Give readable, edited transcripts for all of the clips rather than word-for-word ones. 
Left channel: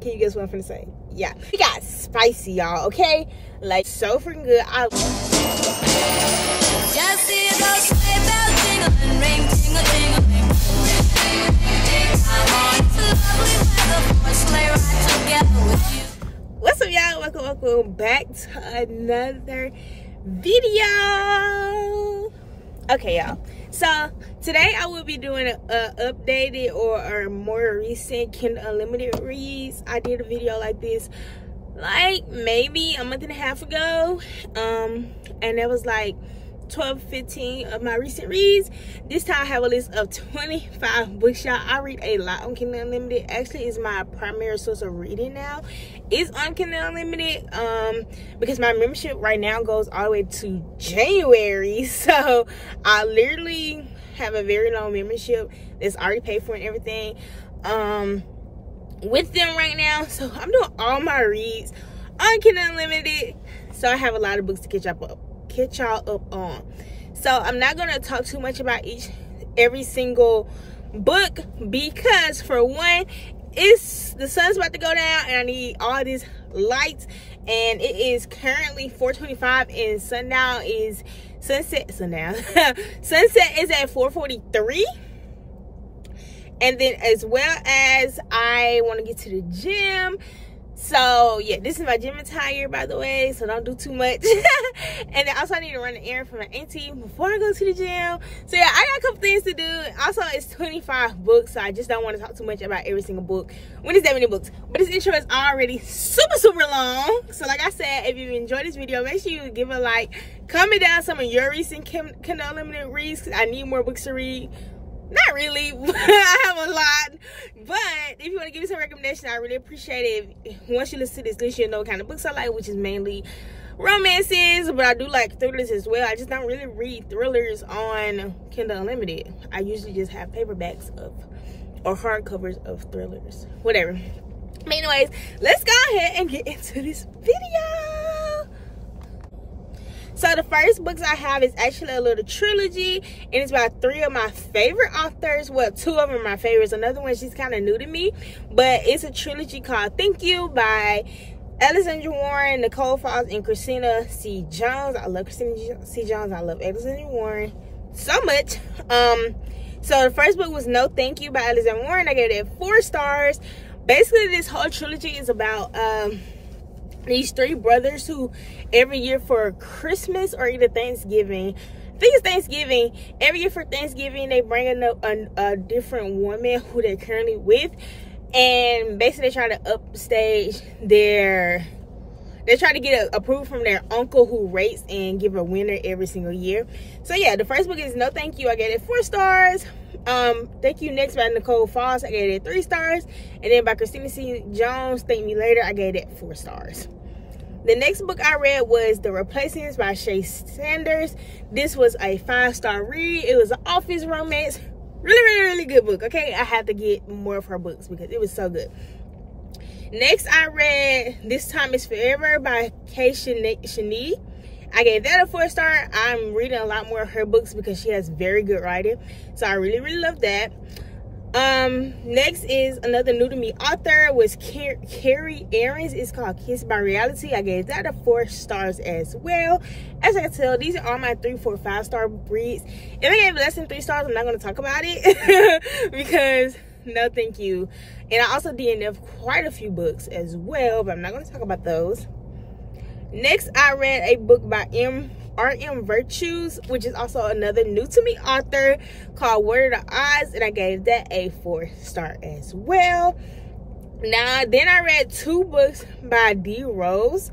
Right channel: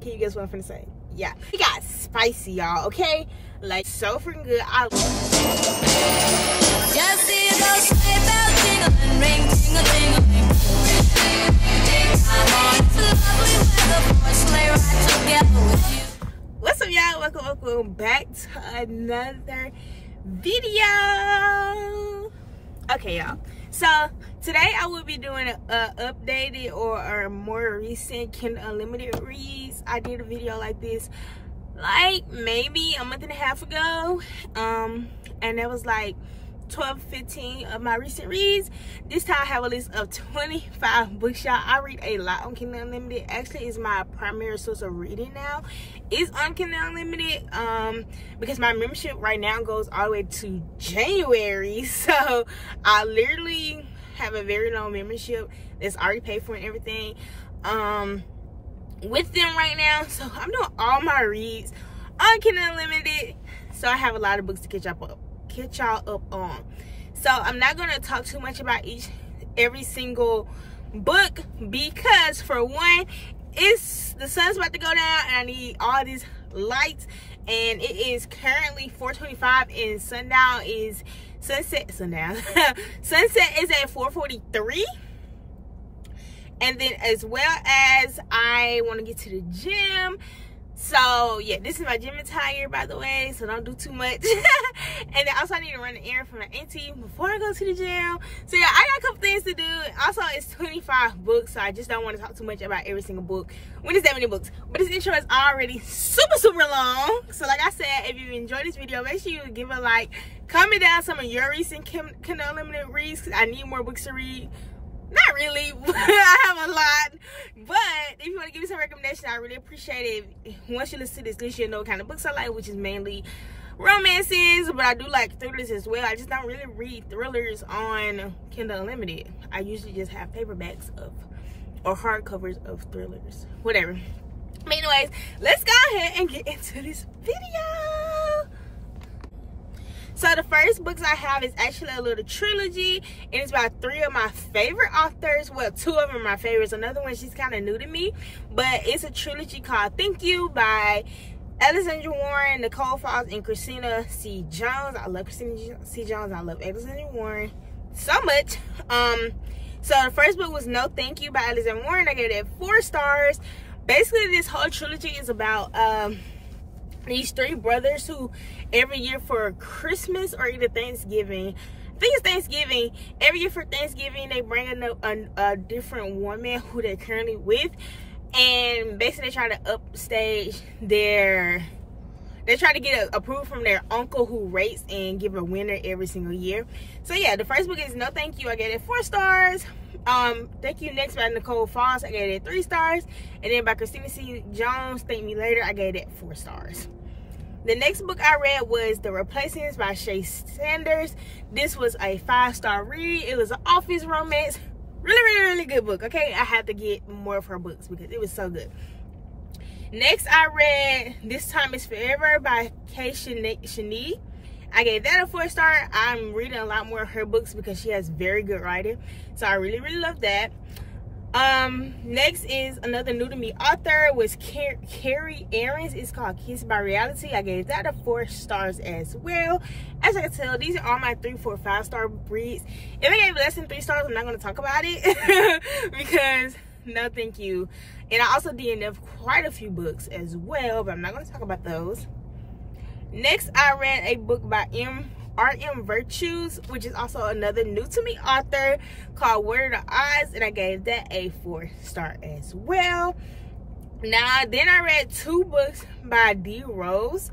Can you guess what I'm finna say? Yeah, we got spicy, y'all, okay? Like, so freaking good. Just see those sleigh bells jingling, ring, tingle, tingling. Come on, it's lovely weather for a sleigh ride together with you. What's up, y'all? Welcome back to another video. Okay, y'all. So today I will be doing an updated or a more recent Kindle Unlimited reads. I did a video like this like maybe a month and a half ago, and that was like 12-15 of my recent reads. This time I have a list of 25 books, y'all. I read a lot on Kindle Unlimited. Actually, it's my primary source of reading now. It's on Kindle Unlimited because my membership right now goes all the way to January. So I literally have a very long membership that's already paid for and everything with them right now. So I'm doing all my reads on Kindle Unlimited. So I have a lot of books to catch y'all up on. So I'm not gonna talk too much about every single book because, for one, the sun's about to go down and I need all these lights, and it is currently 4:25 and sunset is at 4:43. And then as well as I want to get to the gym. So yeah, this is my gym attire, by the way, so don't do too much. And then also I need to run an errand for my auntie before I go to the gym. So yeah, I got a couple things to do. Also, it's 25 books, so I just don't want to talk too much about every single book when it's that many books. But this intro is already super long. So like I said, if you enjoyed this video, make sure you give a like, comment down some of your recent Kindle Unlimited reads, because I need more books to read. Not really, I have a lot, but if you want to give me some recommendations, I really appreciate it. Once you listen to this list, you'll know what kind of books I like, which is mainly romances, but I do like thrillers as well. I just don't really read thrillers on Kindle Unlimited. I usually just have paperbacks or hardcovers of thrillers, whatever. But anyways, let's go ahead and get into this video. So the first books I have is actually a little trilogy, and it's by 3 of my favorite authors. Well, 2 of them are my favorites. Another one, she's kind of new to me, but it's a trilogy called Thank You by Alexandra Warren, Nicole Falls, and Christina C. Jones. I love Christina C. Jones. I love Alexandra Warren so much. So the first book was No Thank You by Alexandra Warren. I gave it 4 stars. Basically, this whole trilogy is about these 3 brothers who every year for Christmas or either Thanksgiving, I think it's Thanksgiving, every year for Thanksgiving they bring a different woman who they're currently with, and basically they try to upstage they try to get approval from their uncle who rates and give a winner every single year. So yeah, the first book is No Thank You. I gave it 4 stars. Thank You Next by Nicole Falls, I gave it 3 stars. And then by Christina C. Jones, Thank Me Later, I gave it 4 stars. The next book I read was The Replacements by Shay Sanders. This was a 5-star read. It was an office romance. Really good book, okay? I had to get more of her books because it was so good. Next I read This Time Is Forever by Kay Shani. I gave that a 4-star. I'm reading a lot more of her books because she has very good writing. So I really love that. Next is another new to me author, was Carrie Aarons. It's called Kissed by Reality. I gave that a 4 stars as well. As I can tell, these are all my 3, 4, 5-star reads. If I gave less than 3 stars, I'm not going to talk about it because no thank you. And I also DNF quite a few books as well, but I'm not going to talk about those. Next, I read a book by R.M. Virtues, which is also another new to me author, called What Are the Odds, and I gave that a 4-star as well. Now, then I read 2 books by D. Rose.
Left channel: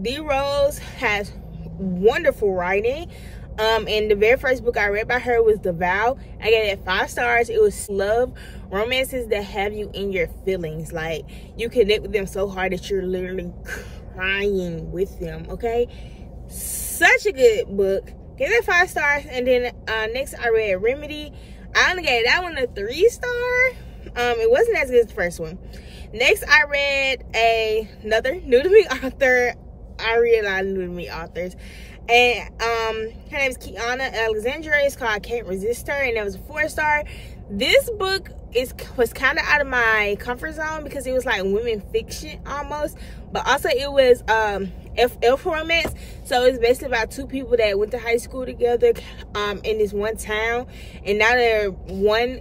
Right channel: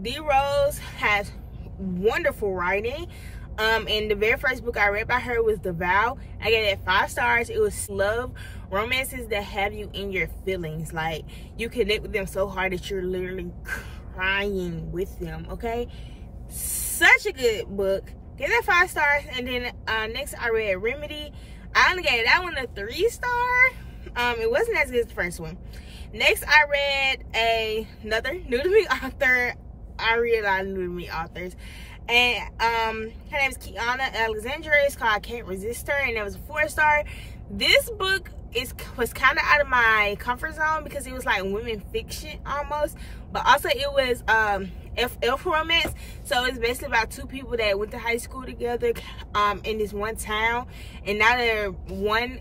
D. Rose has wonderful writing. And the very first book I read by her was The Vow. I gave it 5 stars. It was love romances that have you in your feelings. Like, you connect with them so hard that you're literally crying with them, okay? Such a good book. Gave it 5 stars. And then next I read Remedy. I only gave that one a 3-star. It wasn't as good as the first one. Next I read another new to me author. I read a lot of new to me authors. And her name is Kiana Alexandra. It's called I Can't Resist Her, and that was a 4-star. This book was kind of out of my comfort zone because it was like women fiction almost, but also it was FF romance. So it's basically about two people that went to high school together in this one town, and now one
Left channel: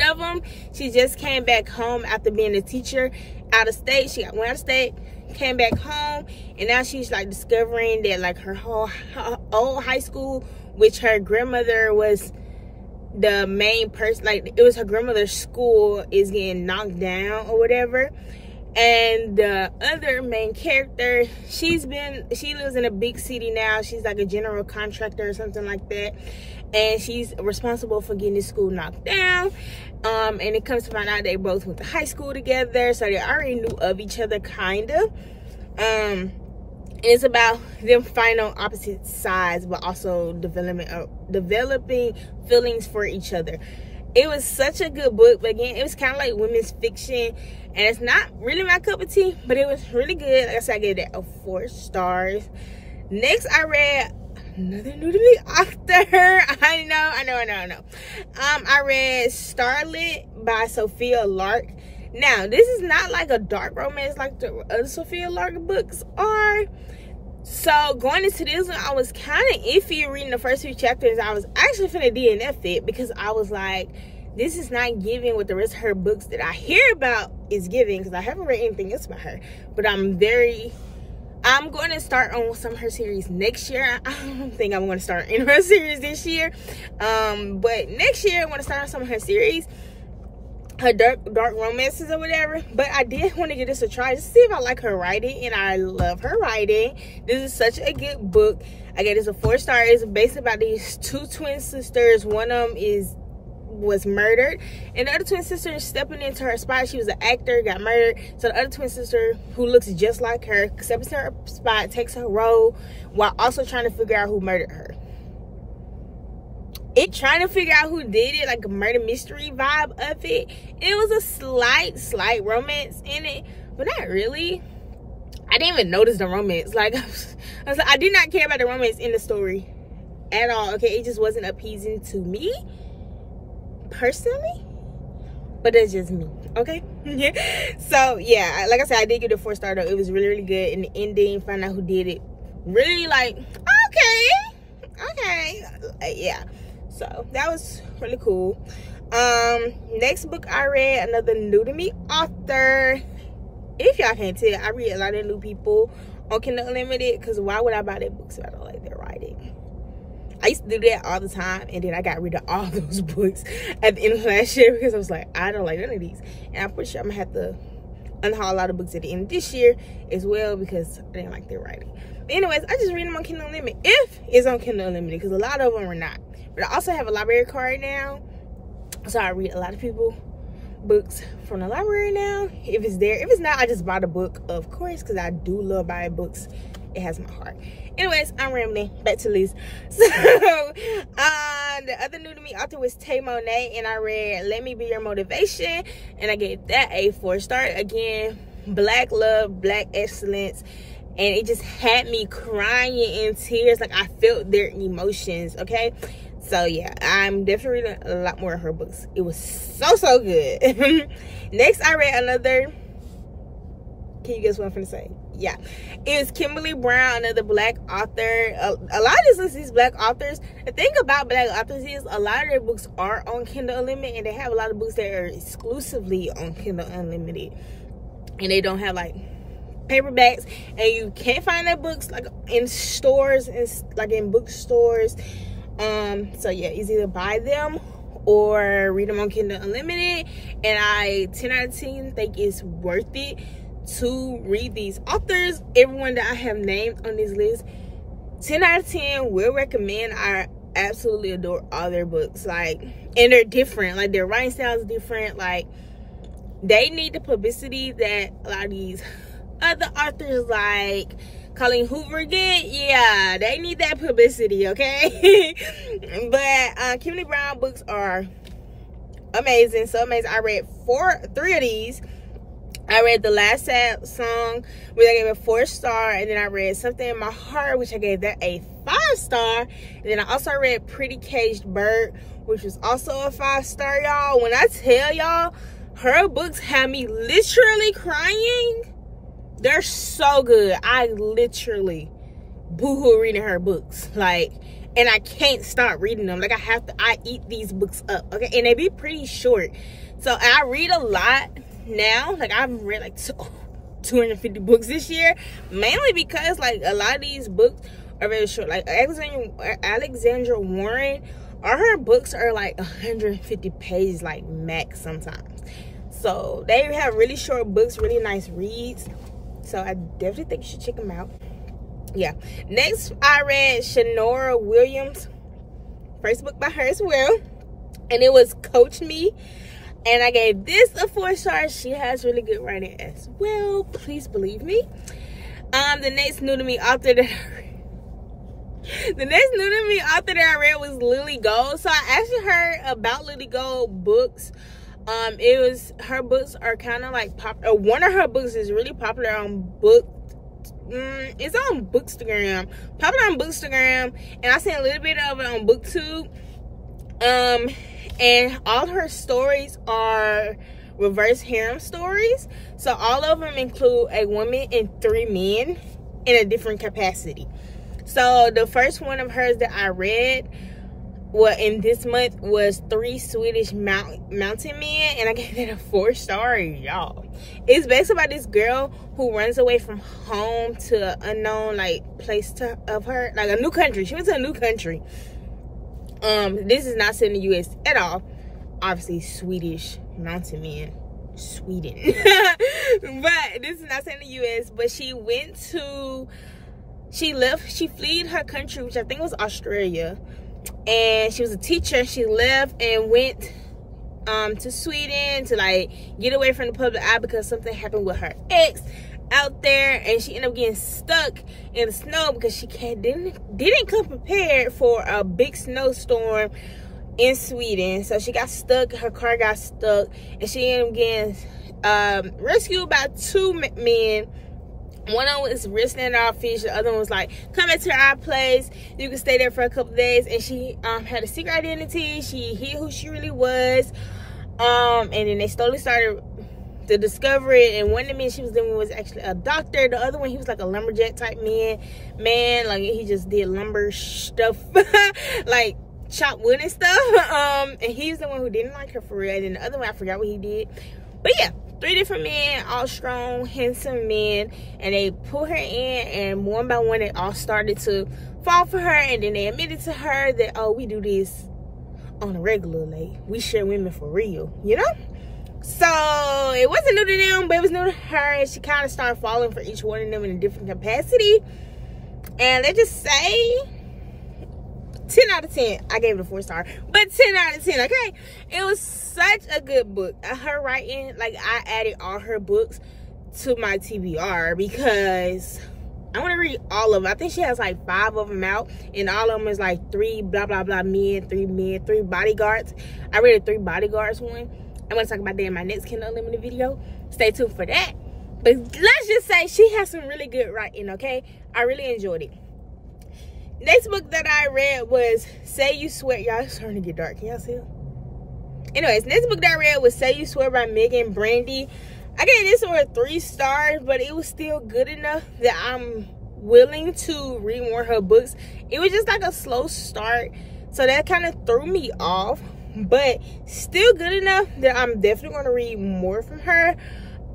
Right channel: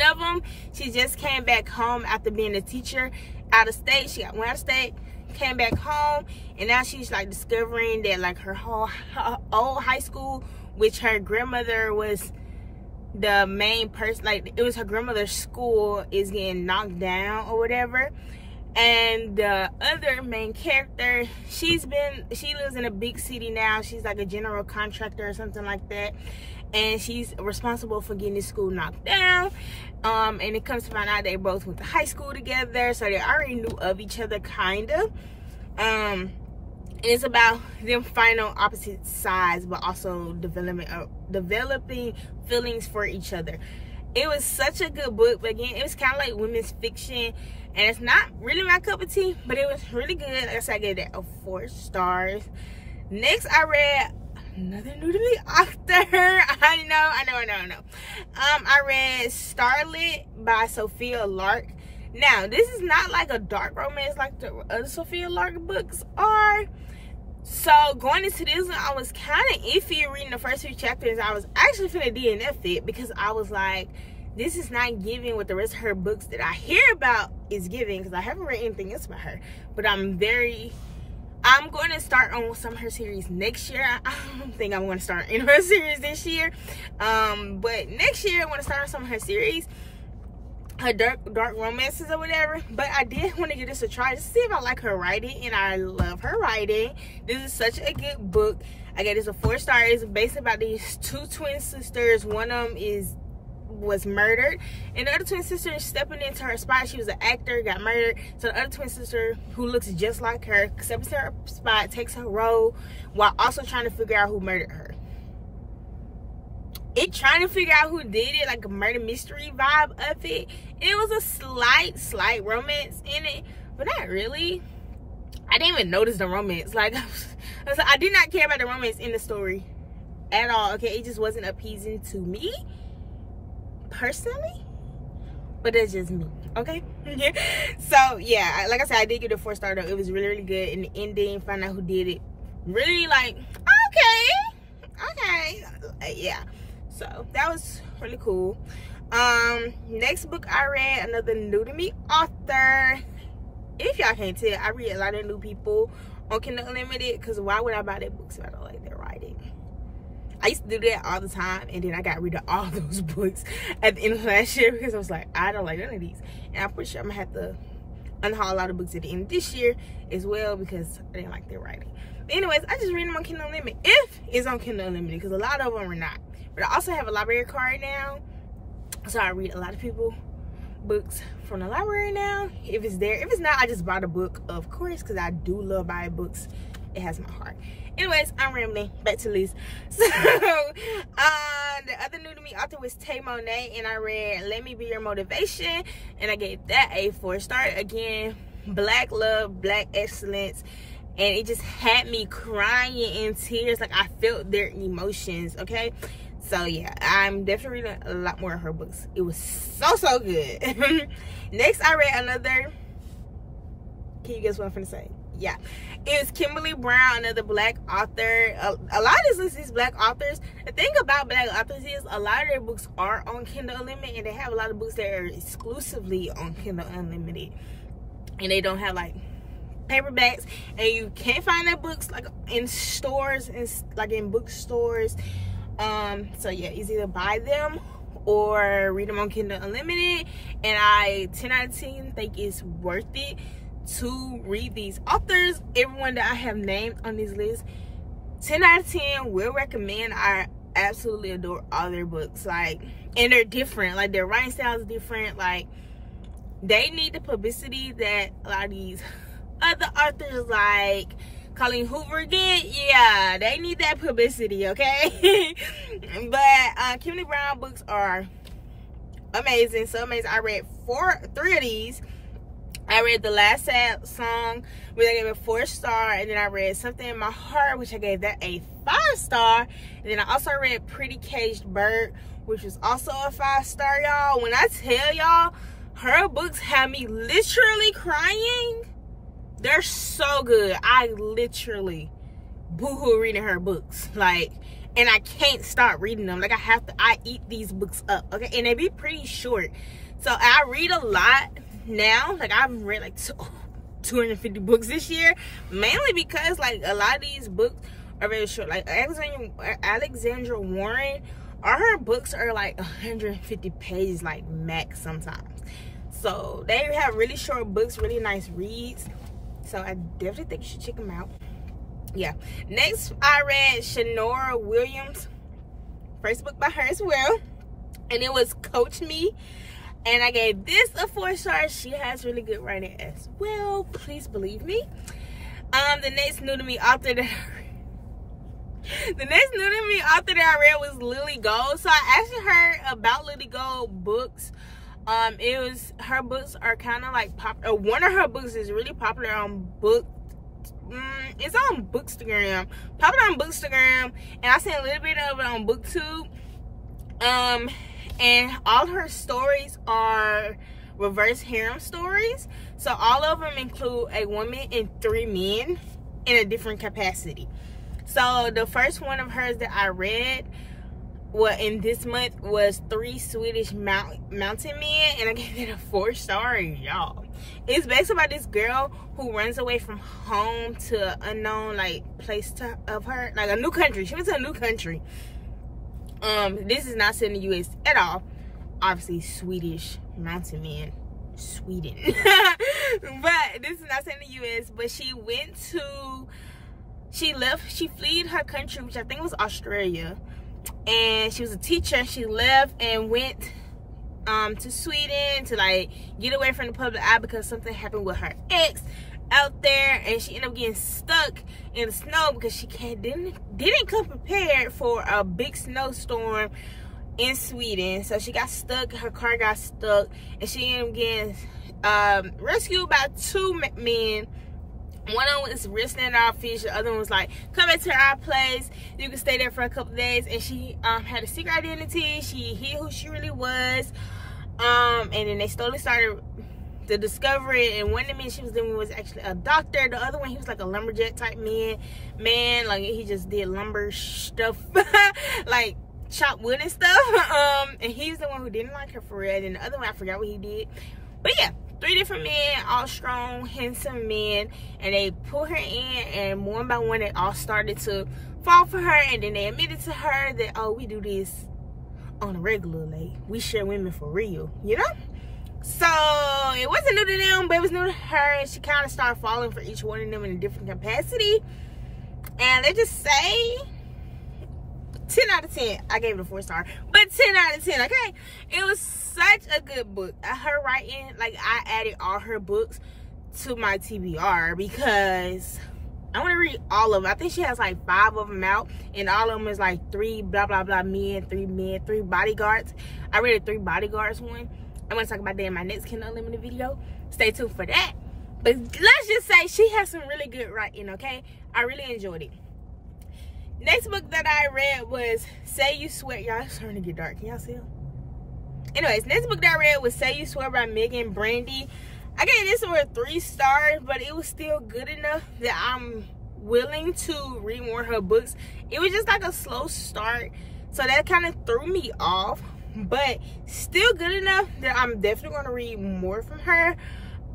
of them, she just came back home after being a teacher out of state. She went out of state, came back home, and now she's like discovering that like her old high school, which her grandmother was the main person, like it was her grandmother's school, is getting knocked down or whatever. And the other main character, she lives in a big city now. She's like a general contractor or something like that, and she's responsible for getting this school knocked down. And it comes to find out they both went to high school together, so they already knew of each other kind of. It's about them finding on opposite sides, but also developing feelings for each other. It was such a good book, but again, it was kind of like women's fiction, and it's not really my cup of tea, but it was really good. Like I said, I gave that 4 stars. Next, I read another new to me author. I know. I read Starlit by Sophia Lark. Now, this is not like a dark romance like the other Sophia Lark books are. So going into this one, I was kind of iffy reading the first few chapters. I was actually finna DNF it because I was like, this is not giving what the rest of her books that I hear about is giving, because I haven't read anything else about her. But I'm going to start on some of her series next year. I don't think I'm going to start in her series this year. But next year, I want to start on some of her series, her dark romances or whatever. But I did want to give this a try to see if I like her writing, and I love her writing. This is such a good book. I gave this a 4 star. It's based about these 2 twin sisters. One of them was murdered, and the other twin sister is stepping into her spot. She was an actor, got murdered, so the other twin sister, who looks just like her, steps into her spot, takes her role, while also trying to figure out who murdered her. Trying to figure out who did it, like a murder mystery vibe of it. It was a slight romance in it, but not really. I didn't even notice the romance. Like, I did not care about the romance in the story at all. Okay, it just wasn't appeasing to me personally, but that's just me. Okay. So yeah, like I said, I did give it a 4 star though. It was really good, and the ending, find out who did it, really like, okay, yeah. So that was really cool. Next book I read, another new to me author. If y'all can't tell, I read a lot of new people on Kindle Unlimited, because why would I buy their books if I don't like their writing? I used to do that all the time, and then I got rid of all those books at the end of last year because I was like, I don't like none of these. And I'm pretty sure I'm gonna have to unhaul a lot of books at the end of this year as well because I didn't like their writing. But anyways, I just read them on Kindle Unlimited, if it's on Kindle Unlimited, because a lot of them are not. But I also have a library card now, so I read a lot of people books from the library now, if it's there. If it's not, I just bought a book, of course, because I do love buying books. It has my heart. Anyways, I'm rambling. Back to Liz. So the other new to me author was Tay Monet, and I read Let Me Be Your Motivation, and I gave that a 4 star. Again, Black love, Black excellence, and it just had me crying in tears. Like, I felt their emotions. Okay, so yeah, I'm definitely reading a lot more of her books. It was so good. Next, I read another. Can you guess what I'm finna say? Yeah, it's Kimberly Brown, another Black author. A lot of these Black authors, the thing about Black authors is a lot of their books are on Kindle Unlimited, and they have a lot of books that are exclusively on Kindle Unlimited, and they don't have like paperbacks, and you can't find their books like in stores, and like in bookstores. So yeah, it's either buy them or read them on Kindle Unlimited, and I 10 out of 10 think it's worth it to read these authors. Everyone that I have named on this list, 10 out of 10 will recommend. I absolutely adore all their books, like, and they're different. Like, their writing style is different. Like, they need the publicity that a lot of these other authors like Colleen Hoover get. Yeah, they need that publicity, okay? But Kimberly Brown books are amazing, so amazing. I read 3 of these. I read The Last Sad Song, which I gave a 4 star, and then I read Something in My Heart, which I gave that a 5 star, and then I also read Pretty Caged Bird, which was also a 5-star, y'all. When I tell y'all, her books have me literally crying. They're so good. I literally boo-hoo reading her books. Like, and I can't stop reading them. Like, I eat these books up, okay? And they be pretty short. So I read a lot now. Like, I've read like 250 books this year, mainly because like a lot of these books are very short. Like Alexandra Warren, all her books are like 150 pages, like max sometimes. So they have really short books, really nice reads. So I definitely think you should check them out. Yeah. Next, I read Shanora Williams' first book by her as well, and it was Coach Me. And I gave this a 4 stars. She has really good writing as well. Please believe me. The next new to me author that I read was Lily Gold. So I actually heard about Lily Gold books. Her books are kind of like popular. One of her books is really popular on it's on Bookstagram. Popular on Bookstagram, and I seen a little bit of it on BookTube. And all her stories are reverse harem stories. So all of them include a woman and 3 men in a different capacity. So the first one of hers that I read, well, in this month, was 3 Swedish mountain men, and I gave it a 4 star, y'all. It's based about this girl who runs away from home to an unknown like place of her, like a new country. She went to a new country. This is not set in the U.S. at all. Obviously, Swedish mountain men, Sweden. But this is not set in the U.S. But she fled her country, which I think was Australia. And she was a teacher. She left and went to Sweden to like get away from the public eye because something happened with her ex out there, and she ended up getting stuck in the snow because she didn't come prepared for a big snowstorm in Sweden. So she got stuck, her car got stuck, and she ended up getting rescued by 2 men. One of them was wrestling our fish, the other one was like, come back to our place, you can stay there for a couple of days. And she had a secret identity. She hid who she really was, and then they slowly started to discover it. And one of the men she was living with was actually a doctor. The other one, he was like a lumberjack type man, like he just did lumber stuff like chop wood and stuff. And he's the one who didn't like her for real. And the other one, I forgot what he did. But yeah, 3 different men, all strong, handsome men, and they pulled her in, and one by one they all started to fall for her. And then they admitted to her that, oh, we do this on a regular, like we share women for real, you know. So it wasn't new to them, but it was new to her, and she kind of started falling for each one of them in a different capacity. And let's just say 10 out of 10. I gave it a 4 star, but 10 out of 10, okay? It was such a good book. Her writing, like, I added all her books to my TBR because I want to read all of them. I think she has like 5 of them out, and all of them is like 3 blah blah blah men, 3 bodyguards. I read a 3 bodyguards one. I'm going to talk about that in my next Kindle Unlimited video. Stay tuned for that. But let's just say she has some really good writing, okay? I really enjoyed it. Next book that I read was Say You Swear. Y'all, it's starting to get dark. Can y'all see it? Anyways, next book that I read was Say You Swear by Megan Brandy. I gave this one 3 stars, but it was still good enough that I'm willing to read more of her books. It was just like a slow start, so that kind of threw me off. But still good enough that I'm definitely going to read more from her.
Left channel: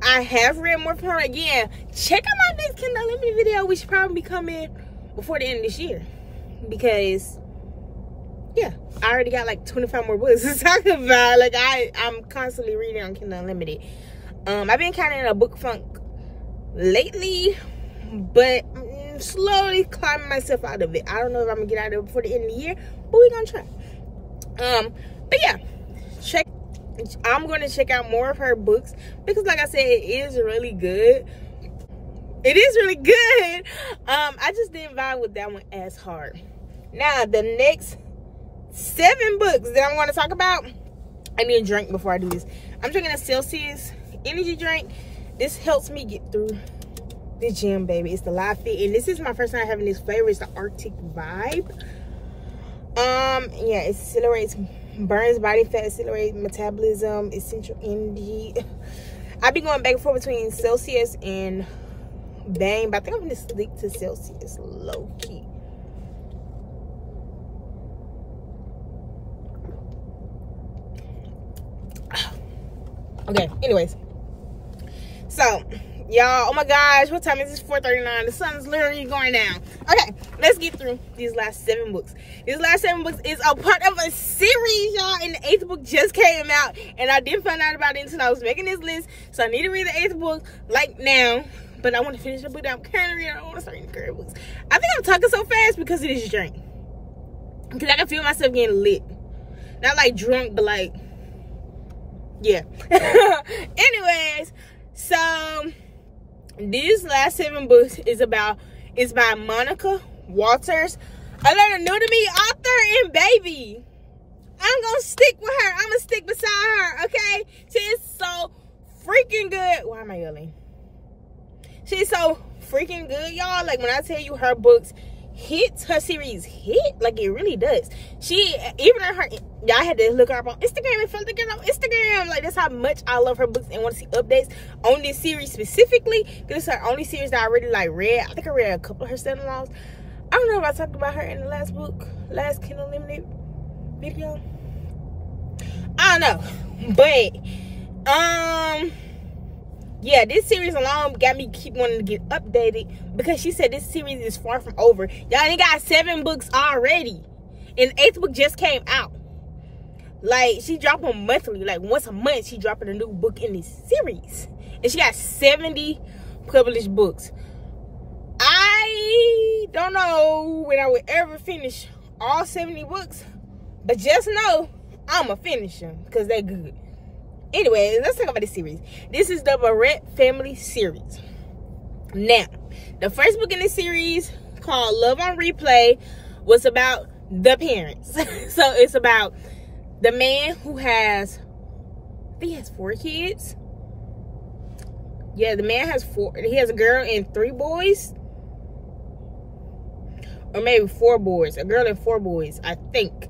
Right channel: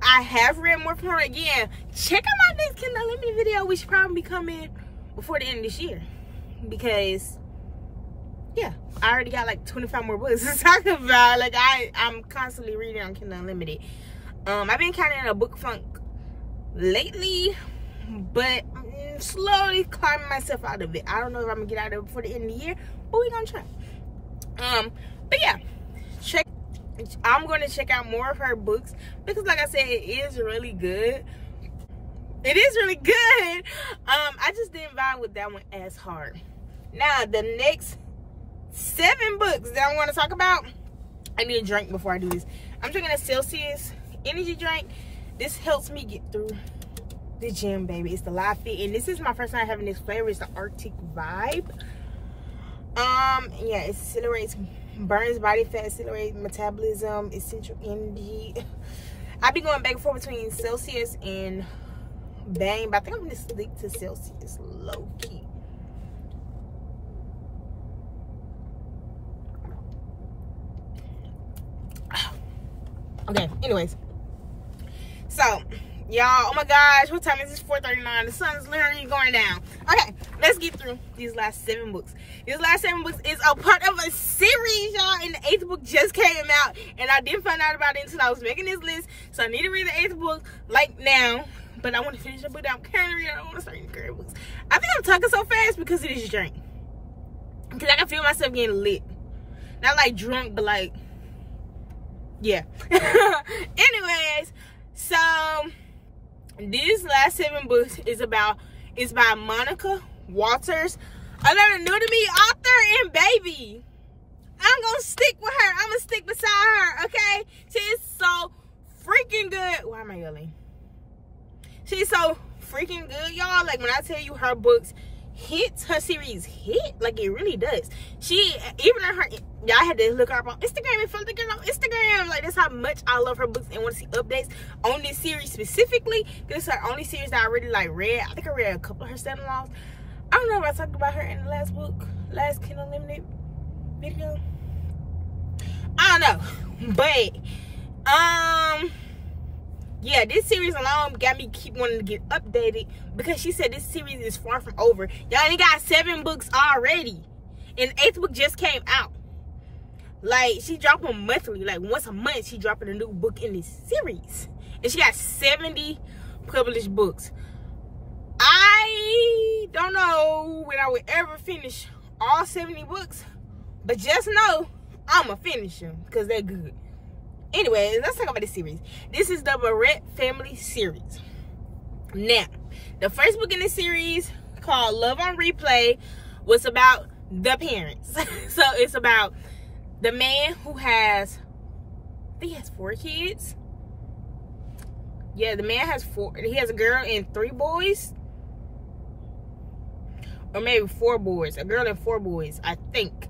I have read more from her. Again, check out my next Kindle Unlimited video, which should probably be coming before the end of this year. Because, yeah, I already got like 25 more books to talk about. Like, I'm constantly reading on Kindle Unlimited. I've been kind of in a book funk lately, but I'm slowly climbing myself out of it. I don't know if I'm going to get out of it before the end of the year, but we're going to try. But yeah, I'm going to check out more of her books because, like I said, it is really good. It is really good. I just didn't vibe with that one as hard. Now, the next 7 books that I'm going to talk about, I need a drink before I do this. I'm drinking a Celsius energy drink. This helps me get through the gym, baby. It's the Live Fit, and this is my first time having this flavor. It's the Arctic Vibe. Yeah, it accelerates burns body fat, accelerates metabolism, essential energy. I be going back and forth between Celsius and Bang, but I think I'm gonna stick to Celsius low key. Okay, anyways, so y'all, oh my gosh, what time is this? 4:39. The sun is literally going down. Okay, let's get through these last 7 books. These last 7 books is a part of a series, y'all, and the 8th book just came out, and I didn't find out about it until I was making this list. So I need to read the 8th book like now, but I want to finish the book that I'm currently reading. I don't want to start reading current books. I think I'm talking so fast because of this drink, because I can feel myself getting lit, not like drunk, but like, yeah. Anyways, so these last 7 books is by Monica Walters, another new to me author and baby. I'm gonna stick with her. I'm gonna stick beside her, okay? She's so freaking good. Why am I yelling? She's so freaking good, y'all. Like, when I tell you her books hits, her series hit, like, it really does. She, even in her, y'all had to look her up on Instagram and follow the girl on Instagram. Like, that's how much I love her books and want to see updates on this series specifically, because it's her only series that I really like read. I think I read a couple of her stand-alones. I don't know if I talked about her in the last book, last Kindle Limited video. I don't know, but yeah, this series alone got me keep wanting to get updated, because she said this series is far from over. Y'all only got 7 books already, and the 8th book just came out. Like, she dropping monthly, like once a month she dropping a new book in this series, and she got 70 published books. I don't know when I would ever finish all 70 books, but just know I'ma finish them because they're good. Anyway, let's talk about this series. This is the Barrett family series. Now, the first book in this series, called Love on Replay, was about the parents. So it's about the man who has, I think he has 4 kids. Yeah, the man has 4. He has a girl and 3 boys. Or maybe 4 boys. A girl and 4 boys, I think.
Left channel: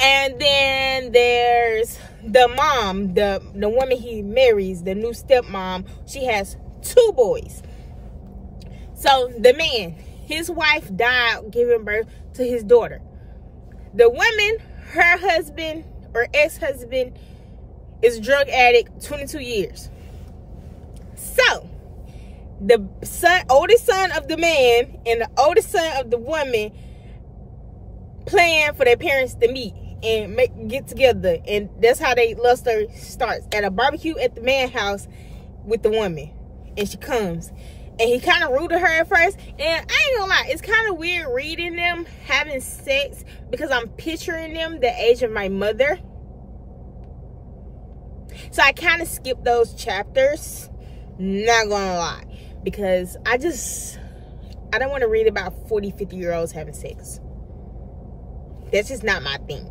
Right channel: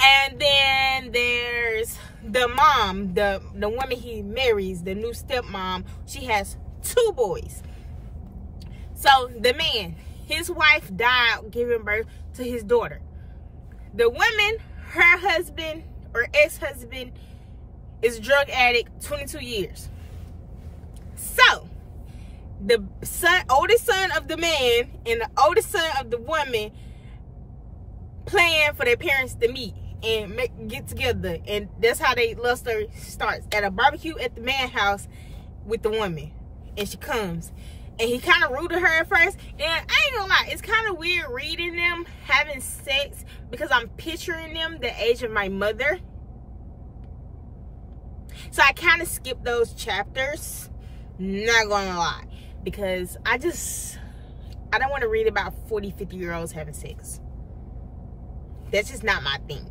And then there's the mom, the woman he marries, the new stepmom. She has 2 boys. So the man, his wife died giving birth to his daughter. The woman, her husband or ex-husband, is a drug addict, 22 years. So the oldest son of the man and the oldest son of the woman plan for their parents to meet and get together, and that's how they love story starts, at a barbecue at the man house with the woman. And she comes, and he kind of rude to her at first, and I ain't gonna lie, it's kind of weird reading them having sex, because I'm picturing them the age of my mother. So I kind of skipped those chapters, not gonna lie, because I don't want to read about 40-50 year olds having sex. That's just not my thing.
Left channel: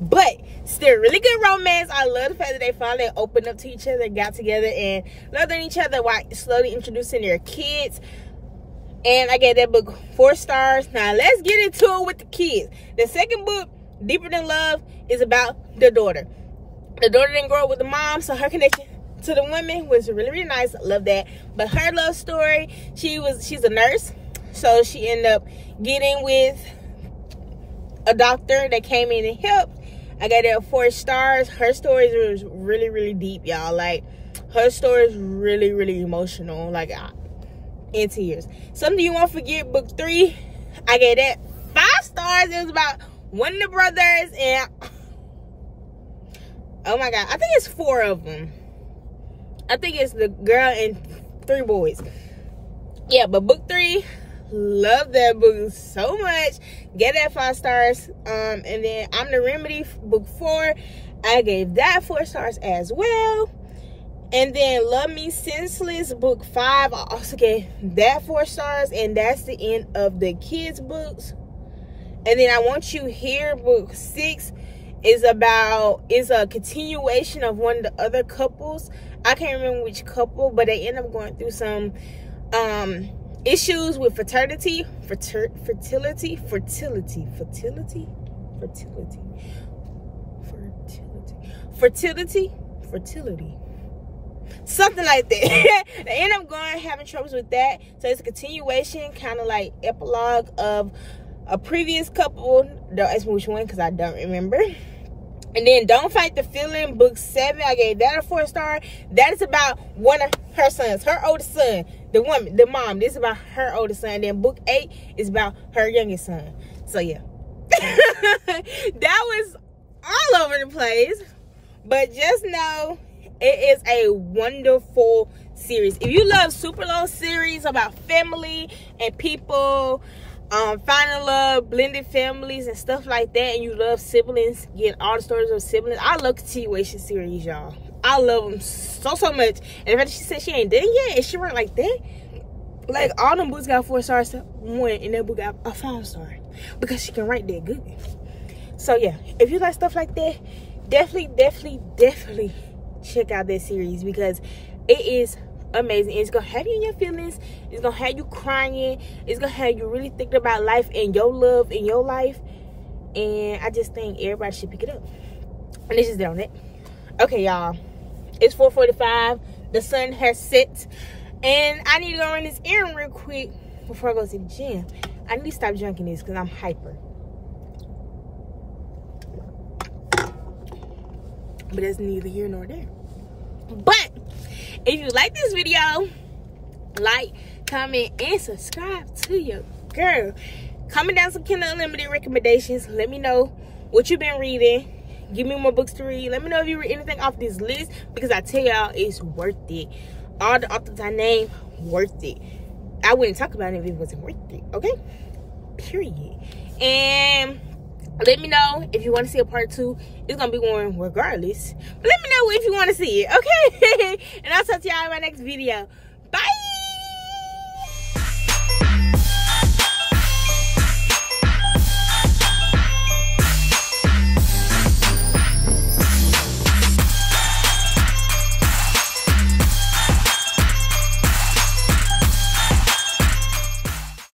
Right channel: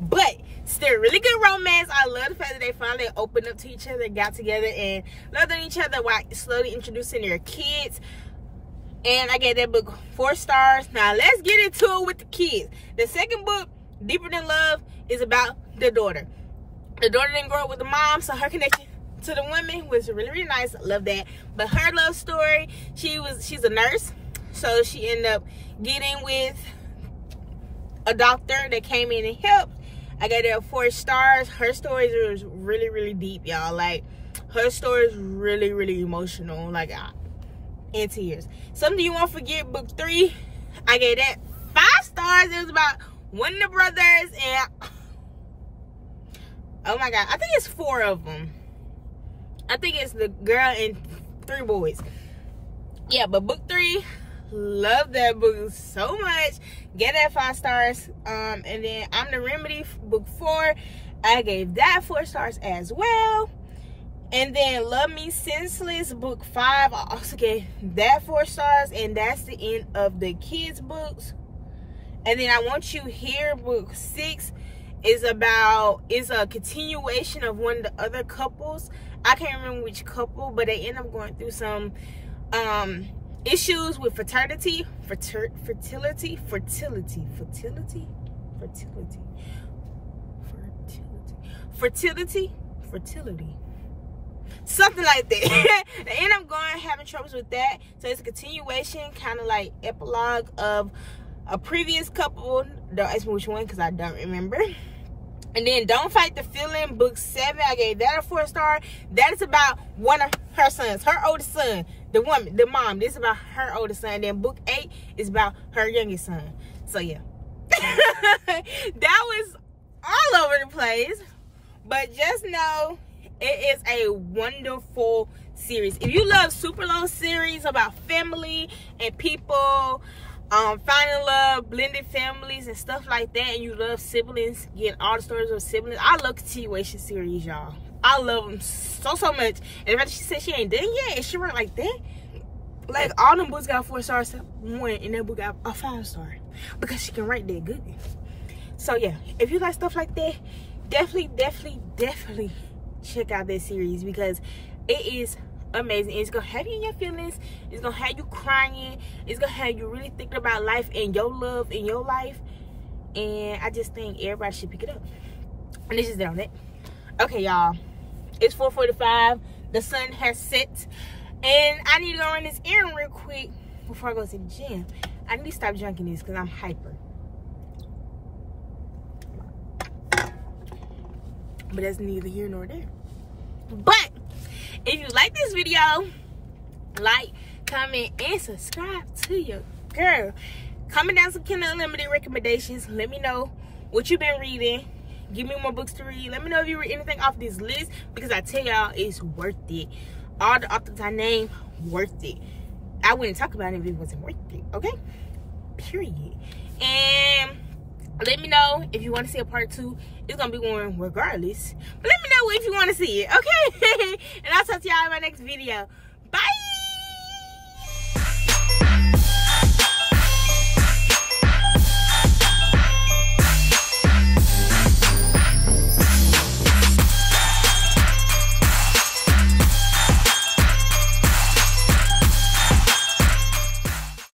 But still, really good romance. I love the fact that they finally opened up to each other, got together, and loved on each other while slowly introducing their kids. And I gave that book 4 stars. Now let's get into it with the kids. The second book, Deeper Than Love, is about the daughter. The daughter didn't grow up with the mom, so her connection to the women was really, really nice. I love that. But her love story, she's a nurse, so she ended up getting with a doctor that came in and helped. I got that 4 stars. Her story is really, really deep, y'all. Like, her story is really, really emotional. Like, in tears. Something You Won't Forget, book 3. I gave that 5 stars. It was about one of the brothers, and oh my god, I think it's 4 of them. I think it's the girl and 3 boys. Yeah, but book 3, love that book so much. Get that 5 stars. And then I'm the Remedy, book 4. I gave that 4 stars as well. And then Love Me Senseless, book 5. I also gave that 4 stars. And that's the end of the kids' books. And then I Want You Here, book 6, is a continuation of one of the other couples. I can't remember which couple, but they end up going through some issues with fertility. fertility, something like that. They end up having troubles with that. So it's a continuation, kind of like epilogue of a previous couple. Don't ask me which one because I don't remember. And then Don't Fight the Feeling, book 7, I gave that a 4-star. That is about one of her sons, her oldest son, the woman, the mom. This is about her oldest son. And then book 8 is about her youngest son. So yeah. That was all over the place. But just know it is a wonderful series. If you love super long series about family and people finding love, blended families and stuff like that, and you love siblings, getting all the stories of siblings, I love continuation series, y'all. I love them so much. And the fact that she said she ain't done yet and she went like that, like all them books got 4 stars, one in that book got a 5-star because she can write that good. So yeah, if you like stuff like that, definitely check out that series because it is amazing. It's gonna have you in your feelings. It's gonna have you crying. It's gonna have you really thinking about life and your love in your life. And I just think everybody should pick it up. And this is it on it. Okay, y'all. It's 4:45. The sun has set, and I need to go run this errand real quick before I go to the gym. I need to stop drinking this because I'm hyper. But that's neither here nor there. But if you like this video, like, comment, and subscribe to your girl. Comment down some Kindle Unlimited recommendations. Let me know what you've been reading. Give me more books to read. Let me know if you read anything off this list because I tell y'all it's worth it. All the authors I named, worth it. I wouldn't talk about it if it wasn't worth it, okay? Period. And let me know if you want to see a part 2. It's going to be one regardless. But let me know if you want to see it, okay? And I'll talk to y'all in my next video. Bye!